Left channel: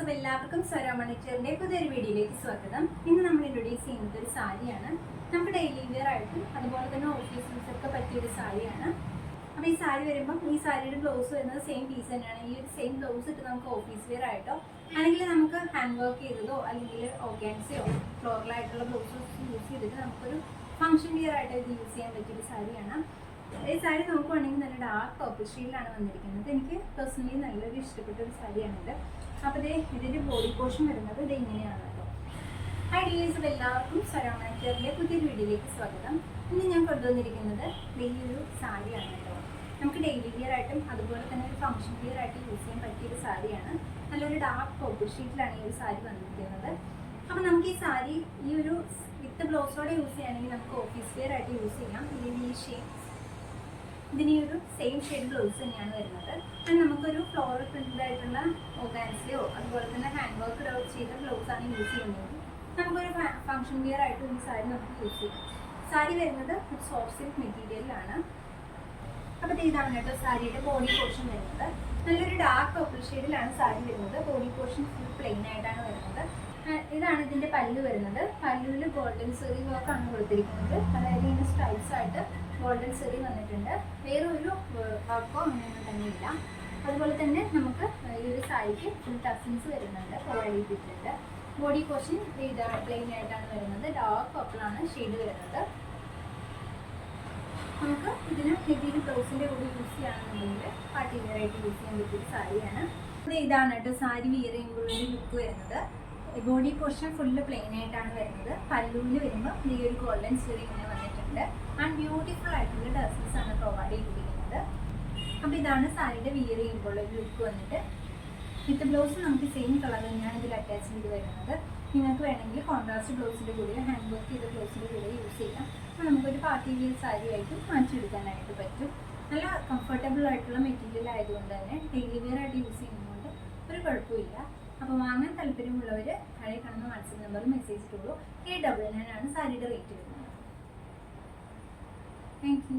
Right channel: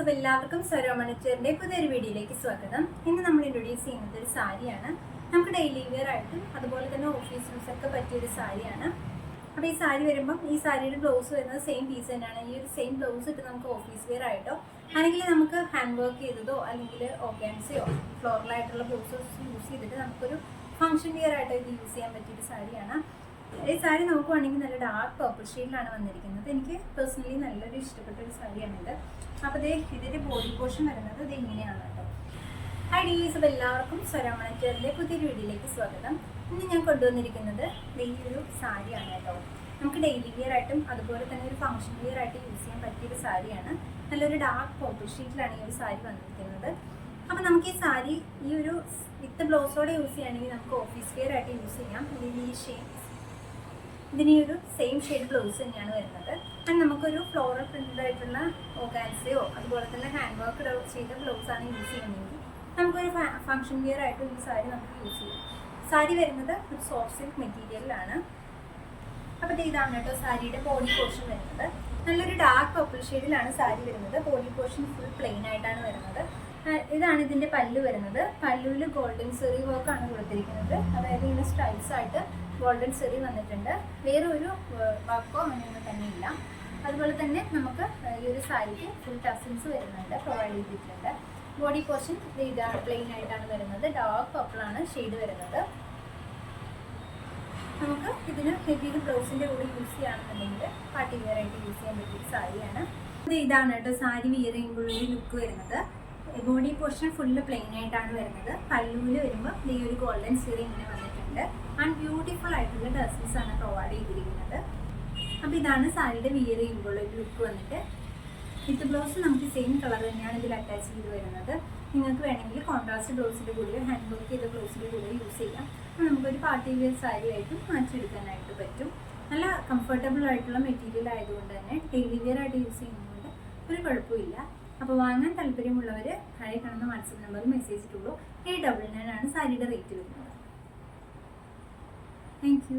ഡീസ് അപ്പോൾ എല്ലാവർക്കും സ്വരമണിച്ചറിന്റെ പുതിയൊരു വീഡിയോയിലേക്ക് സ്വാഗതം. ഇന്ന് നമ്മൾ ഇൻട്രൊഡ്യൂസ് ചെയ്യുന്നത് ഒരു സാരിയാണ്. നമുക്ക് ഡെയിലി വെയർ ആയിട്ടും അതുപോലെ തന്നെ ഓഫീസ് യൂസൊക്കെ ഒക്കെ പറ്റിയ ഒരു സാരിയാണ്. അപ്പോൾ ഈ സാരി വരുമ്പം ഈ സാരിയുടെ ബ്ലൗസ് വരുന്നത് സെയിം പീസ് ആണ്. ഈ ഒരു സെയിം ബ്ലൗസ് ഇട്ട് നമുക്ക് ഓഫീസ് വെയർ ആയിട്ടോ അല്ലെങ്കിൽ നമുക്ക് ഹാൻഡ് വർക്ക് ചെയ്തതോ അല്ലെങ്കിൽ ഓർഗാൻസിയോ ഫ്ലോറലായിട്ടുള്ള ബ്ലൗസസ് യൂസ് ചെയ്തിട്ട് നമുക്കൊരു ഫംഗ്ഷൻ വെയർ ആയിട്ട് ഇത് യൂസ് ചെയ്യാൻ പറ്റിയ ഒരു സാരിയാണ്. ഈ സാരി നോക്കുവാണെങ്കിൽ നല്ല ഡാർക്ക് പർപ്പിൾ ഷെയ്ഡിലാണ് വന്നിരിക്കുന്നത്. എനിക്ക് പേഴ്സണലി നല്ലൊരു ഇഷ്ടപ്പെട്ട ഒരു സാരിയാണിത്. അപ്പോൾ ദേ ഇതിന്റെ ബോഡി പോർഷൻ വരുന്നത് ഇത് ഇങ്ങനെയാണ് ഹൈ ഡീസ് എല്ലാവർക്കും സ്വരാമണക്കേറിന്റെ പുതിയൊരു വീഡിയോയിലേക്ക് സ്വാഗതം. ഇന്ന് ഞാൻ കൊണ്ടുവന്നിരിക്കുന്നത് വലിയൊരു സാരിയാണ് കേട്ടോ. നമുക്ക് ഡെയിലി വിയർ ആയിട്ടും അതുപോലെ തന്നെ ഒരു ഫംഗ്ഷൻ വിയർ ആയിട്ട് യൂസ് ചെയ്യാൻ പറ്റിയ ഒരു സാരിയാണ്. നല്ലൊരു ഡാർക്ക് പോപ്പിൾ ഷീറ്റിലാണ് ഈ ഒരു സാരി വന്നിരിക്കുന്നത്. അപ്പോൾ നമുക്ക് ഈ സാരി ഈ ഒരു വിത്ത് ബ്ലൗസോടെ യൂസ് ചെയ്യുകയാണെങ്കിൽ നമുക്ക് ഓഫീസ് വിയർ ആയിട്ട് യൂസ് ചെയ്യാം. ഈ ഷേപ്പ് ഇതിന് ഒരു സെയിം ഷെയ്ഡ് ബ്ലൗസ് തന്നെയാണ് വരുന്നത്. ആൻഡ് നമുക്കൊരു ഫ്ലോറൽ പ്രിന്റഡ് ആയിട്ടുള്ള ഓർഗാൻസയോ അതുപോലെ തന്നെ ഹാൻഡ് വർക്ക് ചെയ്ത ബ്ലൗസ് ആണ് യൂസ് ചെയ്യുന്നത്. നമുക്കൊരു ഫംഗ്ഷൻ വിയർ ആയിട്ട് ഈ സാരി നമുക്ക് യൂസ് ചെയ്യാം. സാരി വരുന്നത് സോഫ്റ്റ് സിൽക്ക് മെറ്റീരിയലാണ് അപ്പോൾ ഇത് ഇതാണ് കേട്ടോ സാരിയുടെ ബോഡി പോർഷൻ വരുന്നത്. നല്ലൊരു ഡാർക്ക് പർപ്പിൾ ഷെയ്ഡിലാണ് സാരി വരുന്നത്. ബോഡി പോർഷൻ ഫുൾ പ്ലെയിൻ ആയിട്ടാണ് വരുന്നത്. ഇതാണ് ഇതിന്റെ പല്ലു വരുന്നത്. പല്ലുവിൽ ഗോൾഡൻ സെറി വർക്ക് ആണ് കൊടുത്തിരിക്കുന്നത്. അതായത് ഇങ്ങനെ സ്റ്റൈൽസ് ആയിട്ട് ഗോൾഡൻ സെറി വന്നിട്ടുണ്ട്. വേറെ ഒരു വർക്കോ അങ്ങനെയൊന്നും തന്നെ ഇല്ല അതുപോലെ തന്നെ നമുക്ക് ഈ ഒരു സാരിക്ക് ഫുൾ ടസിൻസ് വരുന്നുണ്ട് പ്രൊവൈഡ് ചെയ്തിട്ടുണ്ട്. ബോഡി പോർഷൻ ഇതാണ് പ്ലെയിൻ ആയിട്ടാണ് വരുന്നത്. ഡാർക്ക് പർപ്പിളാണ് ഷെയ്ഡ് വരുന്നത്. നമുക്ക് ഇതിന് ഹെവി ബ്ലൗസിന്റെ കൂടെ യൂസ് ചെയ്യുകയാണെന്നുണ്ടെങ്കിൽ പാർട്ടി വെയർ യൂസ് ചെയ്യാൻ പറ്റിയ സാരിയാണ്. ഇത് ഇതാണ് കേട്ടോ സാരി ചെയ്യുമ്പോഴൊരു ലുക്ക് വരുന്നത്. ബോഡി പോർഷൻ ഫുള്ള് പ്ലെയിൻ ആയിട്ടാണ് വരുന്നത്. പല്ലുവിൽ വരുമ്പോൾ ഈ ഒരു ഗോൾഡൻ സീറി ഇങ്ങനെ വന്നിട്ടുണ്ട്. ആൻഡ് ബ്യൂട്ടിഫുൾ ആയിട്ടുള്ള ഡ്രസ്സസ് ആണ് പ്രൊവൈഡ് ചെയ്തിരിക്കുന്നത്. അപ്പോൾ ഇതാണ് സാരിയുടെ വിയർ ചെയ്യുമ്പോൾ ഒരു ലുക്ക് വന്നിട്ട്. വിത്ത് ബ്ലൗസ് നമുക്ക് സെയിം കളർ തന്നെയാണ് ഇതിൽ അറ്റാച്ച് ചെയ്ത് വരുന്നത്. നിങ്ങൾക്ക് വേണമെങ്കിൽ കോൺട്രാസ്റ്റ് ബ്ലൗസിന്റെ കൂടെ ഹാൻഡ് വർക്ക് ചെയ്ത ബ്ലൗസിന്റെ കൂടെ യൂസ് ചെയ്യാം. നമുക്കൊരു പാർട്ടി വെയർ സാരി ആയിട്ടും മാറ്റിയെടുക്കാനായിട്ട് പറ്റും. നല്ല കംഫർട്ടബിൾ ആയിട്ടുള്ള മെറ്റീരിയൽ ആയതുകൊണ്ട് തന്നെ ഡെയിലി വെയർ ആയിട്ട് യൂസ് ചെയ്യുന്നതുകൊണ്ട് ഒരു കുഴപ്പമില്ല. അപ്പോൾ വാങ്ങാൻ താല്പര്യമുള്ളവർ താഴെ കാണുന്ന വാട്സപ്പ് നമ്പറിൽ മെസ്സേജ് ഇട്ടുള്ളൂ എയ്റ്റ് ഡബിൾ നയൻ ആണ് സാരിയുടെ റേറ്റ് വരുന്നത്. Thank you